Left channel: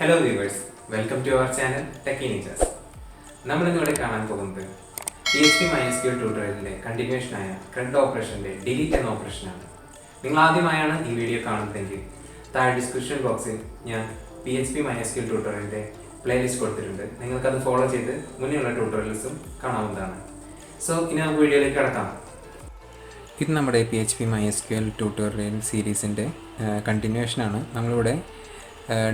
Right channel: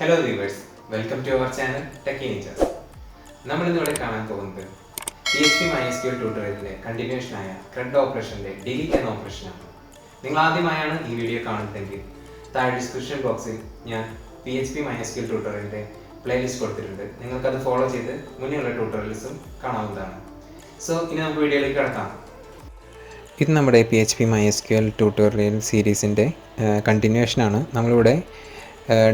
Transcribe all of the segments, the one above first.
Hello viewers, welcome to our channel Techie Ninjas. നമ്മൾ ഇന്നിവിടെ കാണാൻ പോകുന്നത് PHP MySQL ട്യൂട്ടോറിയലിന്റെ കണ്ടിന്യൂഷൻ ആയ CRUD ഓപ്പറേഷന്റെ ഡിലീറ്റ് എന്ന ഓപ്പറേഷനാണ്. നിങ്ങൾ ആദ്യമായാണ് ഈ വീഡിയോ കാണുന്നതെങ്കിൽ താഴെ ഡിസ്ക്രിപ്ഷൻ ബോക്സിൽ ഞാൻ PHP MySQL ട്യൂട്ടോറിയലിന്റെ പ്ലേലിസ്റ്റ് കൊടുത്തിട്ടുണ്ട്. നിങ്ങൾക്കത് ഫോളോ ചെയ്ത് മുന്നേയുള്ള ട്യൂട്ടോറിയൽസും കാണാവുന്നതാണ്. സോ ഇനി നമുക്ക് വീഡിയോയിലേക്ക് കടക്കാം. ഇത് നമ്മുടെ PHP MySQL ട്യൂട്ടോറിയൽ സീരീസിൻ്റെ കണ്ടിന്യൂഷനാണ്. നമ്മളിവിടെ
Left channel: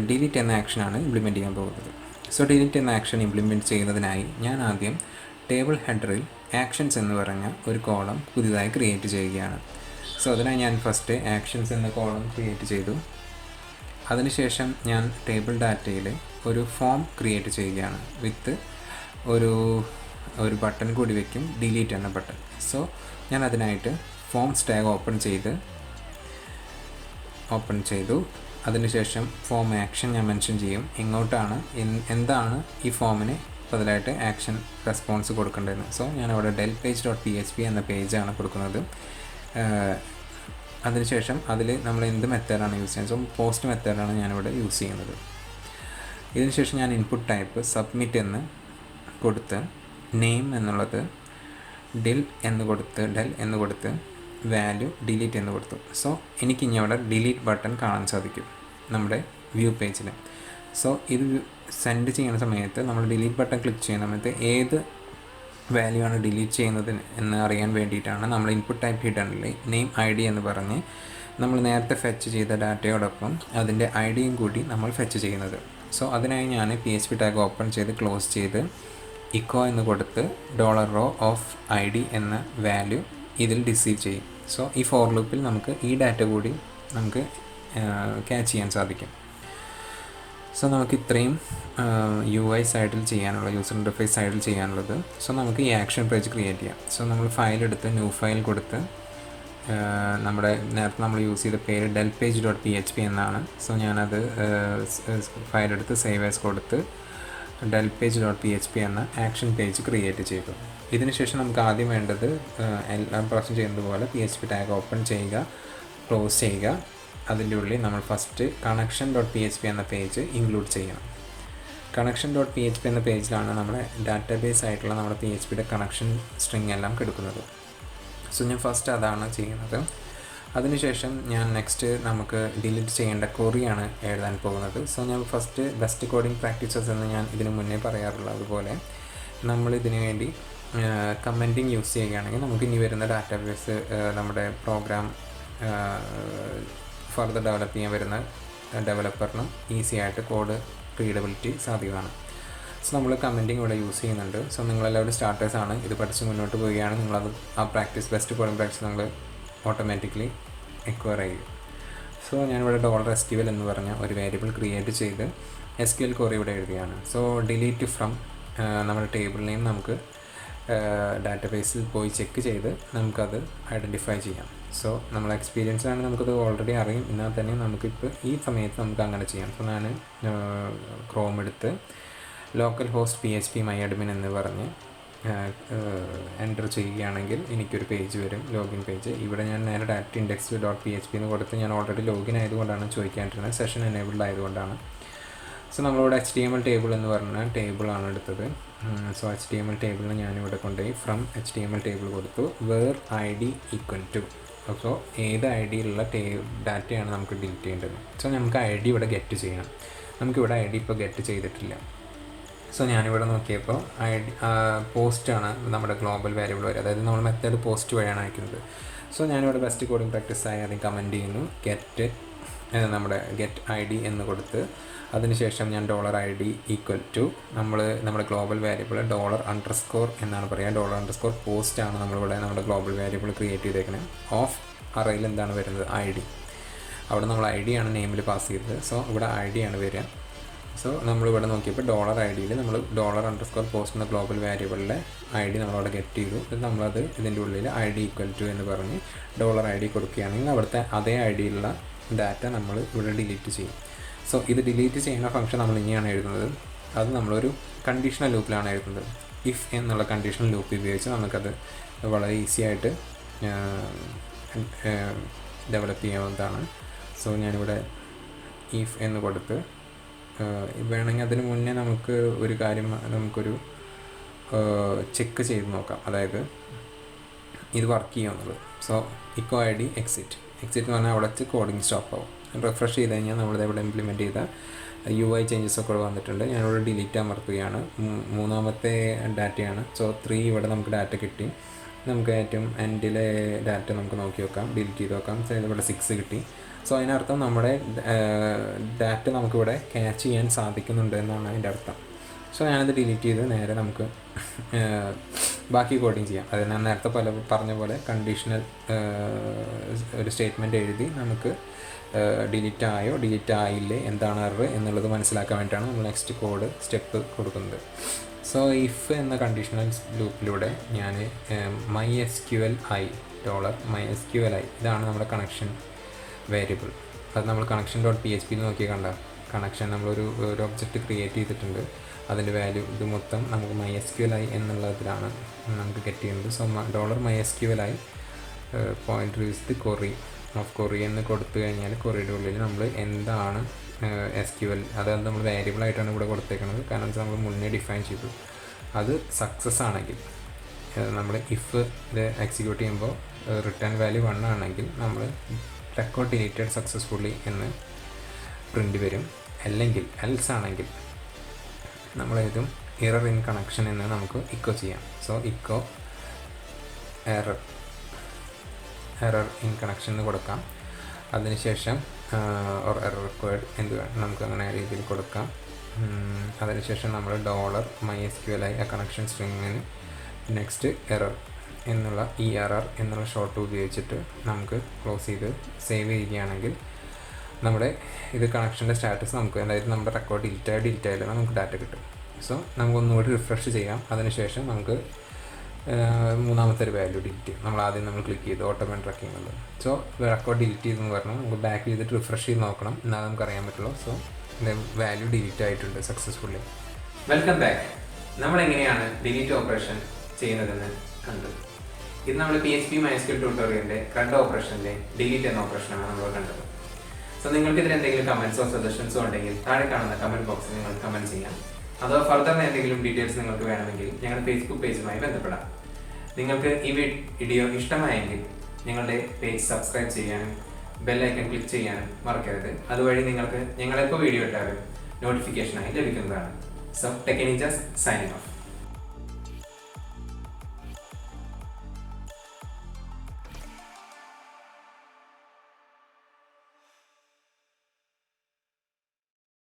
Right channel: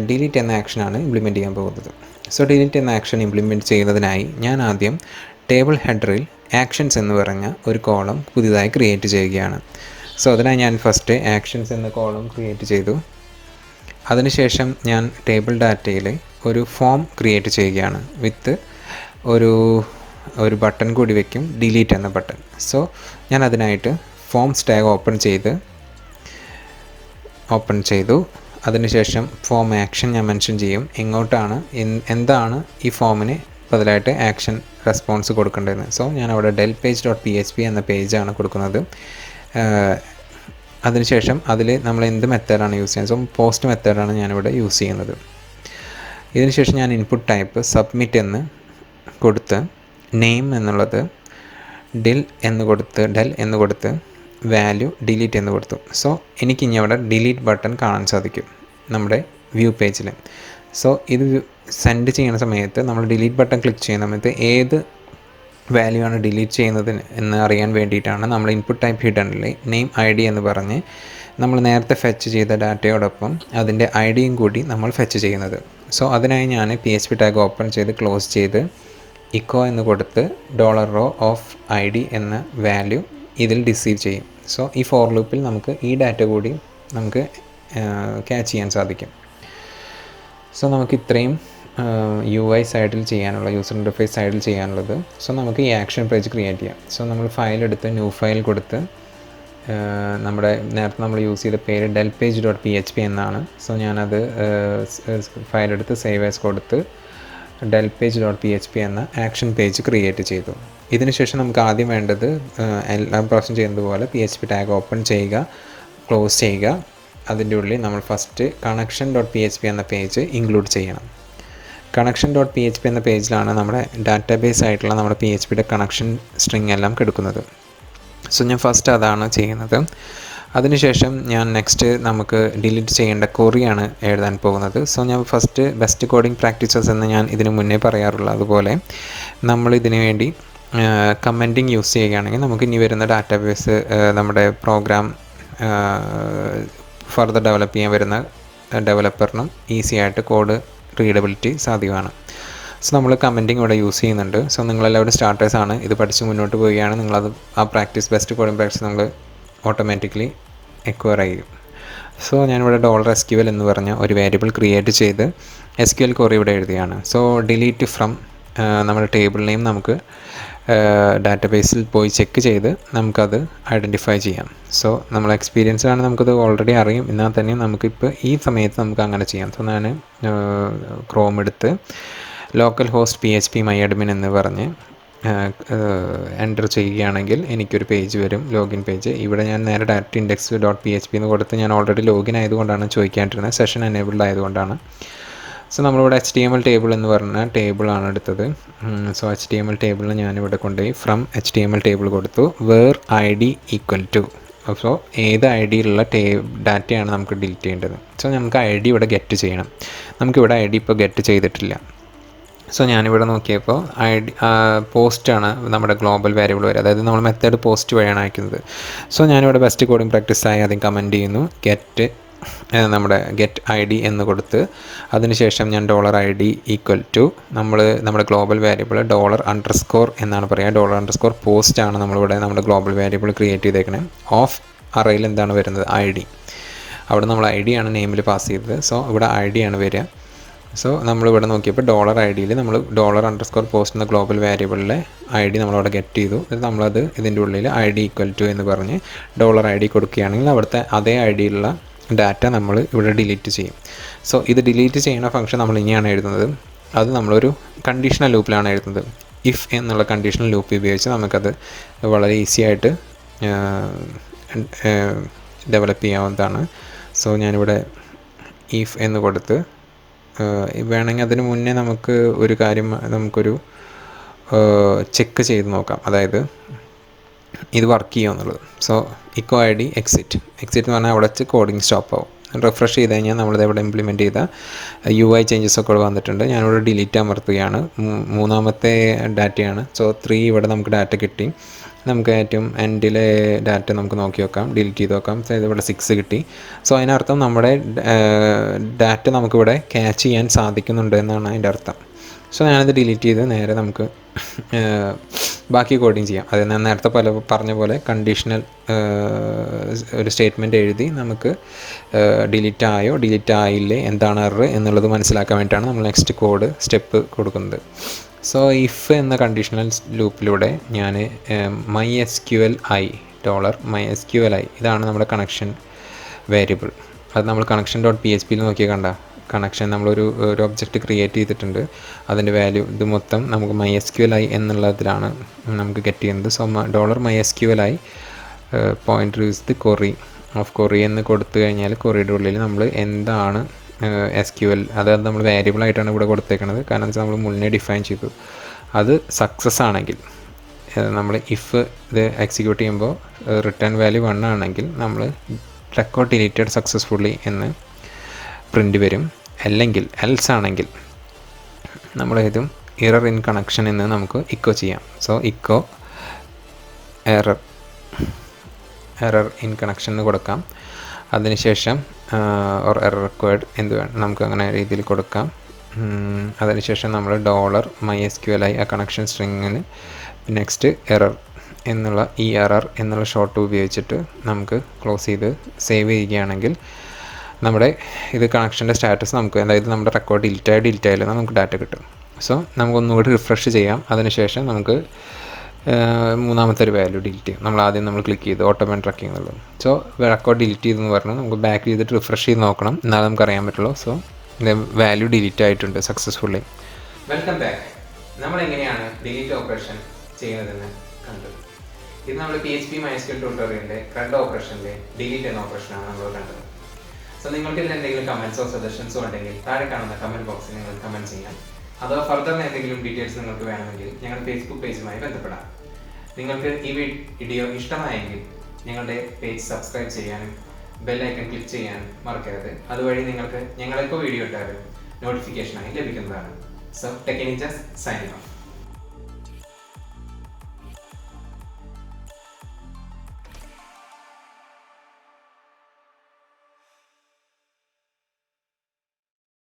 ഡിലീറ്റ് എന്ന ആക്ഷനാണ് ഇംപ്ലിമെൻറ്റ് ചെയ്യാൻ പോകുന്നത്. സോ ഡിലീറ്റ് എന്ന ആക്ഷൻ ഇംപ്ലിമെൻറ്റ് ചെയ്യുന്നതിനായി ഞാൻ ആദ്യം ടേബിൾ ഹെഡറിൽ ആക്ഷൻസ് എന്ന് പറഞ്ഞ ഒരു കോളം പുതിയതായി ക്രിയേറ്റ് ചെയ്യുകയാണ്. സോ അതിനായി ഞാൻ ഫസ്റ്റ് ആക്ഷൻസ് എന്ന കോളം ക്രിയേറ്റ് ചെയ്തു. അതിനുശേഷം ഞാൻ ടേബിൾ ഡാറ്റയിൽ ഒരു ഫോം ക്രിയേറ്റ് ചെയ്യുകയാണ് വിത്ത് ഒരു ബട്ടൺ കൂടി വയ്ക്കും, ഡിലീറ്റ് എന്ന ബട്ടൺ. സോ ഞാൻ അതിനായിട്ട് ഫോംസ് ടാഗ് ഓപ്പൺ ചെയ്തു. അതിനുശേഷം ഫോം ആക്ഷൻ ഞാൻ മെൻഷൻ ചെയ്യും, എങ്ങോട്ടാണ് എന്താണ് ഈ ഫോമിന് ബദലായിട്ട് ആക്ഷൻ റെസ്പോൺസ് കൊടുക്കേണ്ടതെന്ന്. സോ ഞാൻ അവിടെ del_page.php എന്ന പേജാണ് കൊടുക്കുന്നത്. അതിനുശേഷം അതിൽ നമ്മൾ എന്ത് മെത്തേഡാണ് യൂസ് ചെയ്യുന്നത്, സോ പോസ്റ്റ് മെത്തേഡാണ് ഞാനിവിടെ യൂസ് ചെയ്യുന്നത്. ഇതിനുശേഷം ഞാൻ ഇൻപുട്ട് ടൈപ്പ് സബ്മിറ്റ് എന്ന് കൊടുത്ത് നെയിം എന്നുള്ളത് del എന്ന് കൊടുത്ത് വാല്യൂ ഡിലീറ്റ് എന്ന് കൊടുത്തു. സോ എനിക്കിനി അവിടെ ഡിലീറ്റ് ബട്ടൺ കാണാൻ സാധിക്കും നമ്മുടെ വ്യൂ പേജിൽ. സോ ഇത് സെൻഡ് ചെയ്യുന്ന സമയത്ത് നമ്മൾ ഡിലീറ്റ് ബട്ടൺ ക്ലിക്ക് ചെയ്യുന്ന സമയത്ത് ഏത് വാല്യൂ ആണ് ഡിലീറ്റ് ചെയ്യുന്നത് എന്ന് അറിയാൻ വേണ്ടിയിട്ടാണ് നമ്മൾ ഇൻപുട്ട് ടൈപ്പ് ഹിഡനിൽ നെയിം ID എന്ന് പറഞ്ഞ് നമ്മൾ നേരത്തെ ഫെച്ച് ചെയ്ത ഡാറ്റയോടൊപ്പം അതിൻ്റെ ഐഡിയും കൂടി നമ്മൾ ഫെച്ച് ചെയ്യുന്നത്. സോ അതിനായി ഞാൻ PHP ടാഗ് ഓപ്പൺ ചെയ്ത് ക്ലോസ് ചെയ്ത് ഇക്കോ എന്ന് കൊടുത്ത് $row of ID എന്ന വാല്യൂ ഇതിൽ റിസീവ് ചെയ്യും. സോ ഈ ഫോർ ലൂപ്പിൽ നമുക്ക് ഈ ഡാറ്റ കൂടി നമുക്ക് ക്യാച്ച് ചെയ്യാൻ സാധിക്കും. സോ നമുക്ക് ഇത്രയും UI സൈഡിൽ ചെയ്യാനുള്ള, യൂസർ ഇൻ്റർഫേസ് സൈഡിൽ ചെയ്യാനുള്ളത്. സോ നമുക്ക് ഈ ആക്ഷൻ പേജ് ക്രിയേറ്റ് ചെയ്യാം. സോ നമ്മൾ ഫയൽ എടുത്ത് ന്യൂ ഫയൽ കൊടുത്ത് നമ്മുടെ നേരത്തെ നമ്മൾ യൂസ് ചെയ്ത പേര് del_page.php എന്നാണ്. സോ ഞാനത് ഫയലെടുത്ത് സേവ് ആസ് കൊടുത്ത് del_page.php എന്ന ആക്ഷൻ പേജ് ക്രിയേറ്റ് ചെയ്തു. ഇതിനുശേഷം നമുക്ക് ആദ്യം വേണ്ടത് എല്ലാ പ്രാവശ്യം ചെയ്യുന്നത് പോലെ PHP ടാഗ് ഓപ്പൺ ചെയ്യുക, ക്ലോസ് ചെയ്യുക. അതിൻ്റെ ഉള്ളിൽ നമ്മൾ ഫസ്റ്റ് connection.php എന്ന പേജ് ഇൻക്ലൂഡ് ചെയ്യണം. connection.php എന്ന പേജിലാണ് നമ്മുടെ ഡാറ്റാബേസ് ആയിട്ടുള്ള നമ്മുടെ PHPയുടെ കണക്ഷൻ സ്ട്രിങ് എല്ലാം കിടക്കുന്നത്. സോ ഞാൻ ഫസ്റ്റ് അതാണ് ചെയ്യുന്നത്. അതിനുശേഷം ഞാൻ നെക്സ്റ്റ് നമുക്ക് ഡിലീറ്റ് ചെയ്യേണ്ട ക്വറിയാണ് എഴുതാൻ പോകുന്നത്. സോ ഞാൻ ഫസ്റ്റ് ബെസ്റ്റ് കോഡിംഗ് പ്രാക്ടീസസ് എന്ന് ഞാൻ ഇതിന് മുന്നേ പറയാറുള്ള അതുപോലെ നമ്മൾ ഇതിനു വേണ്ടി കമൻറ്റിങ് യൂസ് ചെയ്യുകയാണെങ്കിൽ നമുക്ക് ഇനി വരുന്ന ഡാറ്റാബേസ് നമ്മുടെ പ്രോഗ്രാം ഫർദർ ഡെവലപ്പ് ചെയ്യാൻ വരുന്ന ഡെവലപ്പറിനും ഈസി ആയിട്ട് കോഡ് റീഡബിലിറ്റി സാധ്യമാണ്. സോ നമ്മൾ കമൻറ്റിങ് ഇവിടെ യൂസ് ചെയ്യുന്നുണ്ട്. സോ നിങ്ങളെല്ലാവരും സ്റ്റാർട്ടേഴ്സാണ്, ഇത് പഠിച്ച് മുന്നോട്ട് പോവുകയാണ്, നിങ്ങളത് ആ ബെസ്റ്റ് കോഡിംഗ് പ്രാക്ടീസ് നിങ്ങൾ ഓട്ടോമാറ്റിക്കലി എക്വയർ ചെയ്യും. സോ ഞാനിവിടെ $SQL എന്ന് പറഞ്ഞ ഒരു വേരിയബിൾ ക്രിയേറ്റ് ചെയ്ത് SQL ക്വറി ഇവിടെ എഴുതിയാണ്. സോ ഡിലീറ്റ് ഫ്രം നമ്മുടെ ടേബിൾ നെയിം നമുക്ക് ഡാറ്റാബേസിൽ പോയി ചെക്ക് ചെയ്ത് നമുക്കത് ഐഡൻറ്റിഫൈ ചെയ്യാം. സോ നമ്മൾ എക്സ്പീരിയൻസിലാണ്, നമുക്കത് ഓൾറെഡി അറിയും. എന്നാൽ തന്നെ നമുക്കിപ്പോൾ ഈ സമയത്ത് നമുക്ക് അങ്ങനെ ചെയ്യാം. സോ ഞാൻ ക്രോം എടുത്ത് ലോക്കൽ ഹോസ്റ്റ് PhpMyAdmin എന്ന് പറഞ്ഞ് എൻ്റർ ചെയ്യുകയാണെങ്കിൽ എനിക്കൊരു പേജ് വരും, ലോഗിൻ പേജ്. ഇവിടെ ഞാൻ നേരെ ഡയറക്റ്റ് index.php എന്ന് കൊടുത്ത് ഞാൻ ഓൾറെഡി ലോഗിൻ ആയതുകൊണ്ടാണ് ചോദിക്കാണ്ടിരുന്നത്, സെഷൻ എനേബിൾഡ് ആയതുകൊണ്ടാണ്. സോ നമ്മളിവിടെ HTML ടേബിൾ എന്ന് പറഞ്ഞ ടേബിളാണ് എടുത്തത്. സോ HTML ടേബിളിൽ ഞാനിവിടെ കൊണ്ടുപോയി ഫ്രം HTML ടേബിൾ കൊടുത്തു where ID =. സോ ഏത് ഐഡിയിലുള്ള ഡാറ്റയാണ് നമുക്ക് ഡിലീറ്റ് ചെയ്യേണ്ടത്. സോ നമുക്ക് ID ഇവിടെ ഗെറ്റ് ചെയ്യണം. നമുക്കിവിടെ ID ഇപ്പോൾ ഗെറ്റ് ചെയ്തിട്ടില്ല. സോ ഞാനിവിടെ നോക്കിയപ്പോൾ പോസ്റ്റാണ് നമ്മുടെ ഗ്ലോബൽ വേരിയബിൾ വരെ, അതായത് നമ്മൾ മെത്തേഡ് പോസ്റ്റ് വഴിയാണ് അയക്കുന്നത്. സോ ഞാനിവിടെ ബെസ്റ്റ് കോഡിംഗ് പ്രാക്ടീസായി ആദ്യം കമൻറ്റ് ചെയ്യുന്നു, നമ്മുടെ ഗെറ്റ് ID എന്ന് കൊടുത്ത് അതിനുശേഷം ഞാൻ $ID = നമ്മുടെ ഗ്ലോബൽ വേരിയബിൾ $_ എന്നാണ് പറയുക. $post നമ്മളിവിടെ നമ്മുടെ ഗ്ലോബൽ വേരിയബിൾ ക്രിയേറ്റ് ചെയ്തേക്കണേ. ഓഫ് അറേയിൽ എന്താണ് വരുന്നത്, ID. അവിടെ നമ്മൾ ID ആണ് നെയിമിൽ പാസ് ചെയ്തത്. സോ ഇവിടെ ID ആണ് വരിക. സോ നമ്മളിവിടെ നോക്കിയപ്പോൾ $IDയിൽ നമ്മൾ $_ എന്ന ഗ്ലോബൽ വേരിയബിളിലെ ID നമ്മളവിടെ ഗെറ്റ് ചെയ്തു. നമ്മളത് ഇതിൻ്റെ ഉള്ളിൽ ID = എന്ന് പറഞ്ഞ് $ID കൊടുക്കുകയാണെങ്കിൽ അവിടുത്തെ അതേ ഐഡിയിലുള്ള ഡാറ്റ നമ്മൾ ഇവിടെ ഡിലീറ്റ് ചെയ്യും. സോ ഇത് ഡിലീറ്റ് ചെയ്യുന്ന ഫംഗ്ഷൻ നമ്മൾ ഇനിയാണ് എഴുതുന്നത്. അത് നമ്മളൊരു കണ്ടീഷണൽ ലൂപ്പിലാണ് എഴുതുന്നത്. ഇഫ് എന്നുള്ള കണ്ടീഷണൽ ലൂപ്പ് ഉപയോഗിച്ച് നമുക്കത് വളരെ ഈസി ആയിട്ട് ഡെവലപ്പ് ചെയ്യാവുന്നതാണ്. സോ ഞാനിവിടെ if എന്ന് കൊടുത്ത് വേണമെങ്കിൽ അതിന് മുന്നേ നമുക്ക് ഒരു കാര്യം നമുക്കൊരു ചെക്ക് ചെയ്ത് നോക്കാം, അതായത് ഇത് വർക്ക് ചെയ്യുമോ എന്നുള്ളത്. So eco I D exit എന്ന് പറഞ്ഞാൽ അവിടെ വെച്ച് കോഡിങ് സ്റ്റോപ്പ് ആവും. റിഫ്രഷ് ചെയ്ത് കഴിഞ്ഞാൽ നമ്മളിത് ഇവിടെ ഇംപ്ലിമെൻറ്റ് ചെയ്ത UI ചേഞ്ചസ് ഒക്കെ വന്നിട്ടുണ്ട്. ഞാനിവിടെ ഡിലീറ്റ് അമർത്തുകയാണ്. മൂന്നാമത്തെ ഡാറ്റയാണ്. സോ 3 ഇവിടെ നമുക്ക് ഡാറ്റ കിട്ടി. നമുക്ക് ഏറ്റവും എൻഡിലെ ഡാറ്റ നമുക്ക് നോക്കി നോക്കാം, ഡിലീറ്റ് ചെയ്ത് നോക്കാം. സോ ഇവിടെ 6 കിട്ടി. സോ അതിനർത്ഥം നമ്മുടെ ഡാറ്റ നമുക്കിവിടെ ക്യാച്ച് ചെയ്യാൻ സാധിക്കുന്നുണ്ട് എന്നാണ് അതിൻ്റെ അർത്ഥം. സോ ഞാനത് ഡിലീറ്റ് ചെയ്ത് നേരെ നമുക്ക് ബാക്കി കോഡിങ് ചെയ്യാം. അത് ഞാൻ നേരത്തെ പറഞ്ഞ പോലെ കണ്ടീഷണൽ ഒരു സ്റ്റേറ്റ്മെൻറ്റ് എഴുതി നമുക്ക് ഡിലീറ്റ് ആയോ ഡിലീറ്റ് ആയില്ലേ എന്താണ് എറർ എന്നുള്ളത് മനസ്സിലാക്കാൻ വേണ്ടിയിട്ടാണ് നമ്മൾ നെക്സ്റ്റ് കോഡ് സ്റ്റെപ്പ് കൊടുക്കുന്നത്. സോ ഇഫ് എന്ന കണ്ടീഷണൽ ലൂപ്പിലൂടെ ഞാൻ MySQLi $MySQLi ഇതാണ് നമ്മുടെ കണക്ഷൻ വേരിയബിൾ. അത് നമ്മൾ connection.php നോക്കിയാൽ കണ്ട കണക്ഷൻ നമ്മളൊരു ഒബ്ജക്റ്റ് ക്രിയേറ്റ് ചെയ്തിട്ടുണ്ട്. അതിൻ്റെ വാല്യൂ ഇത് മൊത്തം നമുക്ക് MySQLi എന്നുള്ളതിലാണ് നമുക്ക് ഗെറ്റ് ചെയ്യുന്നത്. So $MySQLi pointer use the query of query എന്ന് കൊടുത്തു കഴിഞ്ഞാൽ കൊറിയുടെ ഉള്ളിൽ നമ്മൾ എന്താണ് SQL അതായത് നമ്മൾ വേരിയബിൾ ആയിട്ടാണ് ഇവിടെ കൊടുത്തേക്കുന്നത്. കാരണം വെച്ചാൽ നമ്മൾ മുന്നേ ഡിഫൈൻ ചെയ്തു. അത് സക്സസ് ആണെങ്കിൽ നമ്മൾ ഇഫ് ഇത് എക്സിക്യൂട്ട് ചെയ്യുമ്പോൾ റിട്ടേൺ വാല്യൂ 1 ആണെങ്കിൽ നമ്മൾ റെക്കോർഡ് ഡിലീറ്റഡ് സക്സസ്ഫുള്ളി എന്ന് പ്രിൻ്റ് വരും. അല്ലെങ്കിൽ എൽസ് ആണെങ്കിൽ നമ്മളേതും എറർ ഇൻ കണക്ഷൻ എന്ന് നമുക്ക് ഇക്കോ ചെയ്യാം. So eco error in connection എന്ന് കൊടുക്കാം. അതിനുശേഷം ഓർ എറർ റിക്വയർഡ് എന്ത് വേണം നമുക്ക് അങ്ങനെ രീതിയിൽ കൊടുക്കാം. അതിനുശേഷം നമ്മൾ $MySQLi ആ കണക്ഷൻ സ്ട്രിങ്ങിന് നെക്സ്റ്റ് എറർ എന്നുള്ള ഈ എറർ എന്നുള്ള ഷോർട്ട് ഉപയോഗിച്ചിട്ട് നമുക്ക് ക്ലോസ് ചെയ്ത് സേവ് ചെയ്യുകയാണെങ്കിൽ നമ്മുടെ ഇത് കണക്ഷൻ്റെ സ്റ്റാറ്റസ് നമുക്ക് അതായത് നമ്മുടെ റെക്കോർഡ് ഡിലീറ്റ് ആയാലും നമുക്ക് ഡാറ്റ കിട്ടും. സോ നമുക്കൊന്നുകൂടി റിഫ്രഷ് ചെയ്യാം. അതിനുശേഷം നമുക്ക് മൂന്നാമത്തെ ഒരു വാല്യൂ ഡിലീറ്റ് ചെയ്യും. നമ്മൾ ക്ലിക്ക് ചെയ്ത് ഓട്ടോമാറ്റിക് ട്രാക്കിംഗ് എന്നുള്ളത്. സോ റെക്കോർഡ് ഡിലീറ്റ് ചെയ്തെന്ന് പറഞ്ഞാൽ നമുക്ക് ബാക്ക് ചെയ്തിട്ട് റിഫ്രഷ് ചെയ്ത് നോക്കണം, എന്നാലും നമുക്ക് അറിയാൻ പറ്റുള്ളൂ. സോ വാല്യൂ ഡിലീറ്റ് ആയിട്ടുണ്ട് സക്സസ്ഫുള്ളി. Welcome back. നമ്മളെങ്ങനെയാണ് ഡിലീറ്റ് ഓപ്പറേഷൻ ചെയ്യുന്നതെന്ന് കണ്ടത്. ഇത് നമ്മൾ PHP MySQL ട്യൂട്ടോറിയലിൻ്റെ രണ്ട് ഓപ്പറേഷനിലെ ഡിലീറ്റ് എന്ന ഓപ്പറേഷനാണ് നമ്മൾ കണ്ടത്. സോ നിങ്ങൾക്ക് ഇതിൽ എന്തെങ്കിലും കമൻസോ സജഷൻസോ ഉണ്ടെങ്കിൽ താഴെ കാണുന്ന കമൻറ്റ് ബോക്സിൽ നിങ്ങൾ കമൻറ്റ് ചെയ്യാം. അതോ ഫർദർ എന്തെങ്കിലും ഡീറ്റെയിൽസ് നിങ്ങൾക്ക് വേണമെങ്കിൽ ഞങ്ങളുടെ Facebook പേജുമായി ബന്ധപ്പെടാം. നിങ്ങൾക്ക് ഈ വീഡിയോ ഇഷ്ടമായെങ്കിൽ ഞങ്ങളുടെ പേജ് സബ്സ്ക്രൈബ് ചെയ്യാനും ബെൽ ഐക്കൺ ക്ലിക്ക് ചെയ്യാനും മറക്കരുത്. അതുവഴി നിങ്ങൾക്ക് ഞങ്ങളെപ്പോൾ വീഡിയോ ഇട്ടാലും നോട്ടിഫിക്കേഷനായി ലഭിക്കുന്നതാണ്. So Tech Ninjas signing of.